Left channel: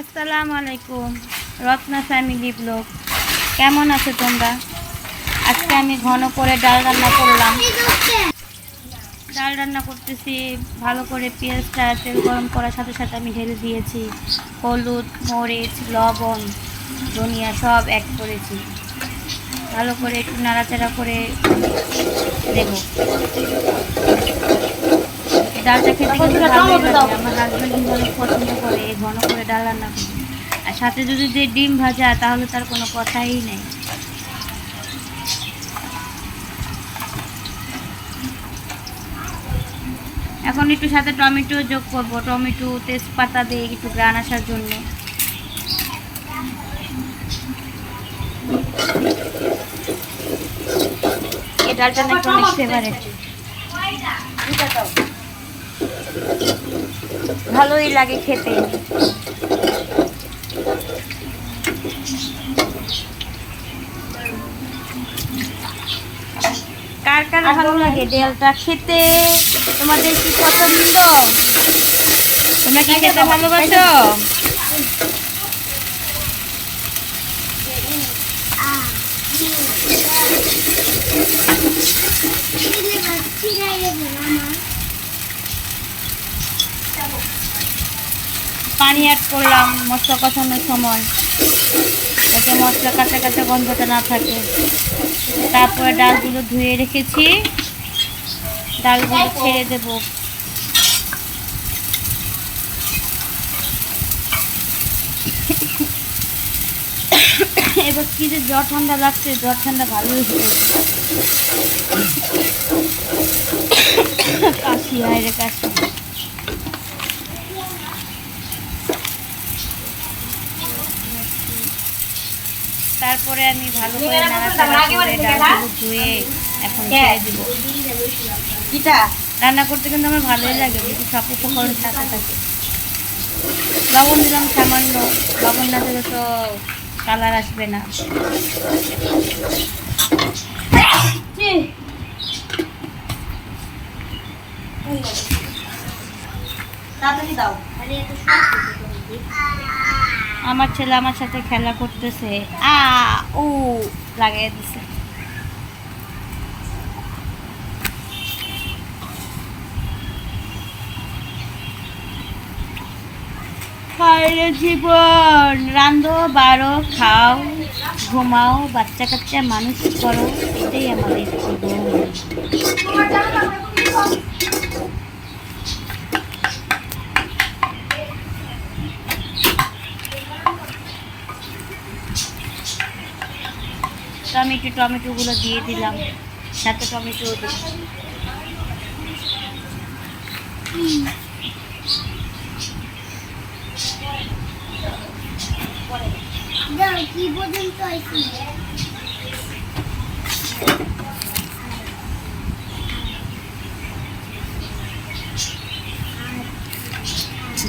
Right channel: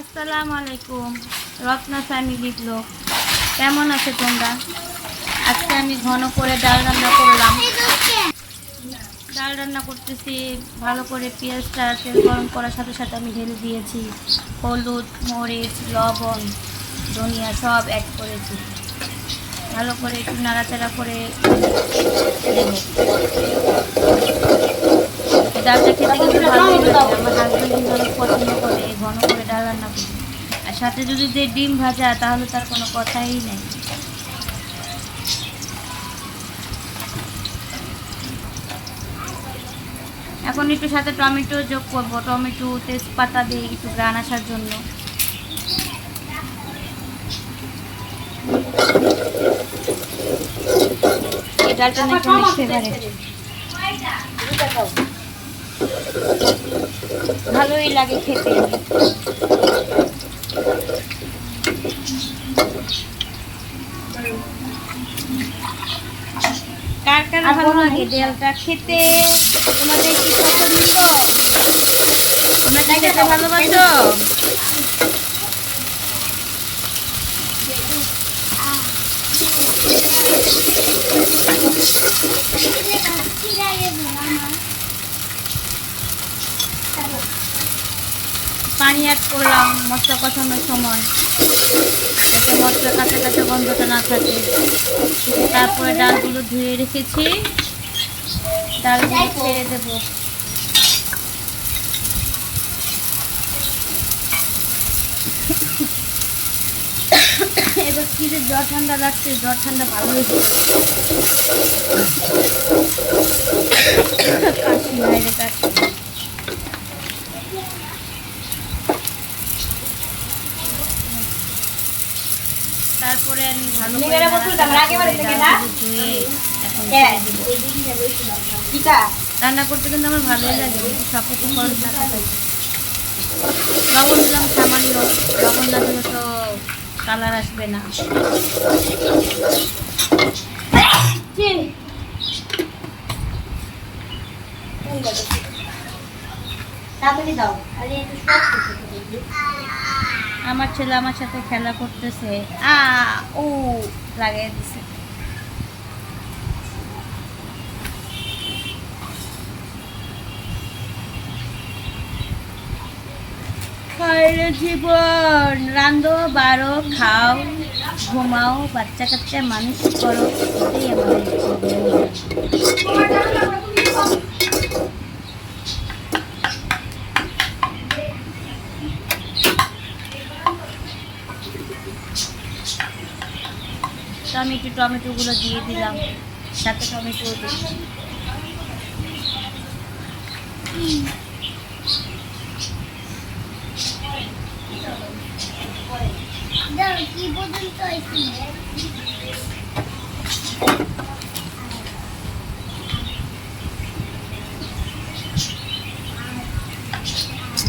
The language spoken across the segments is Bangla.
আসসালামু আলাইকুম, রত্না ফ্যামিলি ব্লগ। কেমন আছো তোমরা? আজকে আমি ঘন করে ডাল রান্না করলাম। ডাল রান্না করতেছি, ভালো করে পেঁয়াজটা তেল গরম করার সাথে সাথে আমি ঢেলে দিয়েছি হলুদ, মরিচ, লবণ, ধনিয়া সব অ্যাড করেছি। ভালো করে একটু নাড়াচাড়া করে দেব। ডালটা খেতে কিন্তু ভালোই লাগে, আমার হাজব্যান্ড কিন্তু অনেক পছন্দ করে এই ঘন করে ডাল রান্না করি। আর সাথে যদি যে ডিম ভাজা, তাহলে তার কোনো কথাই নেই। এখন একটু সাথে টমেটো যোগ করব, টমেটো তেজপাতা দিয়ে একটু গ্রান আসার জন্য। এই ডালটা নাকি অনেক ফেভারিট, ভালোই লাগে খেতে। কার কার ভালো লাগে ডালটা খেতে? তোমাদের কি পছন্দ? তোমরা কি খেতে ভালোবাসো? পানি অ্যাড করলাম মশলা কষানোর সময়, যাতে মশলা কাঁচা কাঁচা গন্ধটা না থাকে। তারপরে ডালগুলো ধুয়ে রেখেছি, ডালগুলো ছেড়ে দেব। এবার কি যে জ্বর ঠান্ডা লাগছে, জ্বর ঠান্ডা ভালো হয়েছে। কাশি, হায়রে কাশি। তারপরে আমি ভালো করে নাড়াচাড়া করে ডালগুলো ধুয়ে এখন ছেড়ে দেব। রান্না করতে কিন্তু আমার ভালোই লাগে, যদি সব উপকরণ সাথে থাকে। লবণ দিলাম সামান্য, লবণ না দিলে তো কালার আসবে না। আমার ছেলে আমার সাথে খেলা করতেছে, ও লাগিয়ে দিছে। হায়রে জীবন, রান্ধো বাড়ো খাও ঘুমাও, বাচ্চা কাচ্চা মানুষ করো, এটাই আমাদের জীবন। তো আমি একটু টমেটোগুলো দিয়ে দিলাম, সাথে টমেটো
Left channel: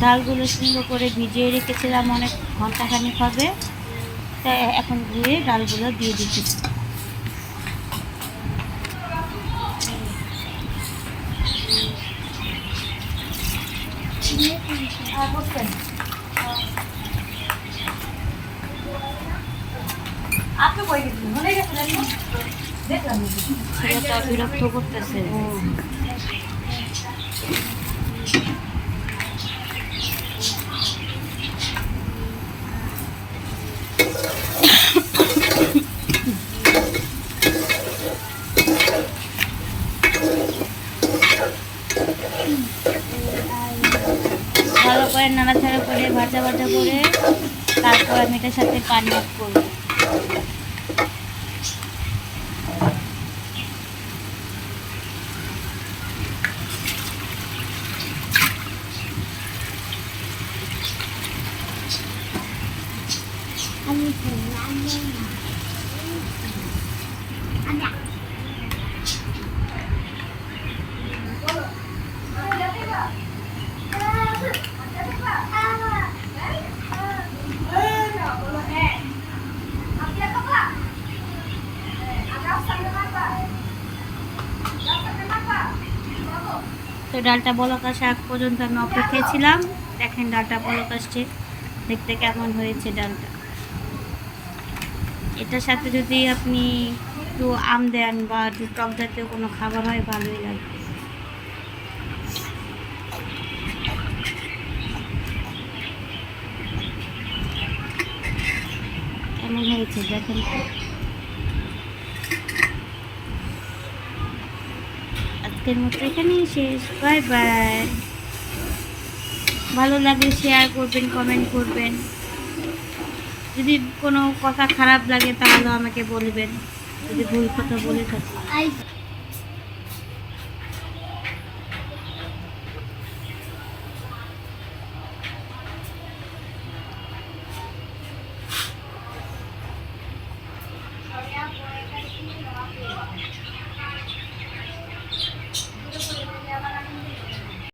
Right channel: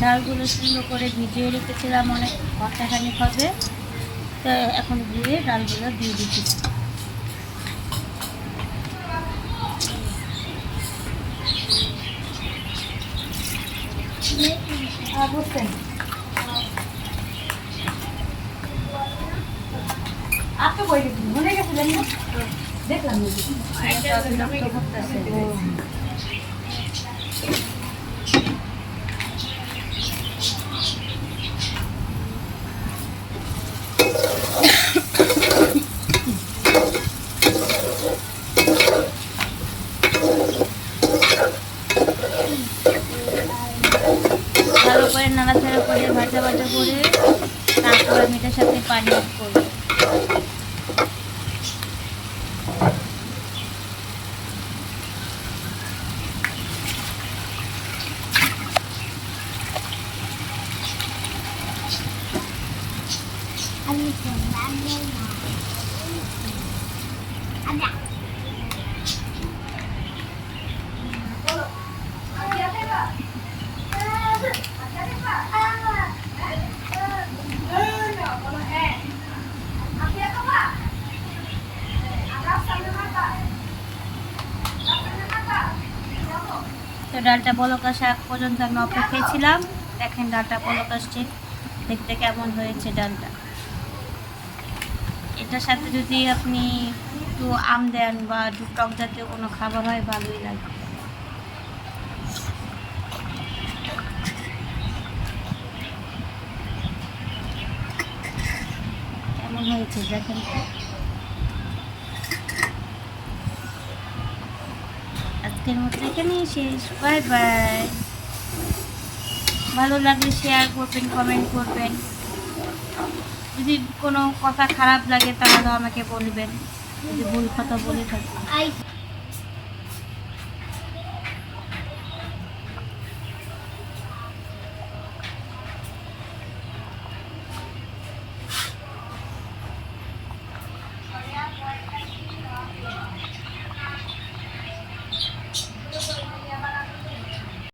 ডালগুলো সুন্দর করে ভিজিয়ে রেখেছিলাম, অনেক ঘন্টাখানিক হবে। তাই এখন ধুয়ে ডালগুলো দিয়ে দিচ্ছি। ছেলেটা বিরক্ত করতেছে। ভালো করে নাড়াচাড়া করে ভাজা ভাজা করে তারপর আমি এটার সাথে পানি অ্যাড করব। তো ডালটা বলক আসা আগ পর্যন্ত আমি অপেক্ষায় ছিলাম। দেখেন ডালটা বলক আসছে, দেখতে কেমন হয়েছে ডালটা। এটার সাথে যদি আপনি একটু আম দেন বা একটু টক জাতীয় কোনো খাবার হয় ভালোই লাগে। কেমন হয়েছে দেখেন তো। আজকের মতো এখানেই শেষ। Bye bye. ভালো লাগলে শেয়ার করবেন, কমেন্ট করবেন। যদি কোনো কথা খারাপ লাগে তাহলে আমাকে বলবেন, যদি ভুল কথা বলে থাকি।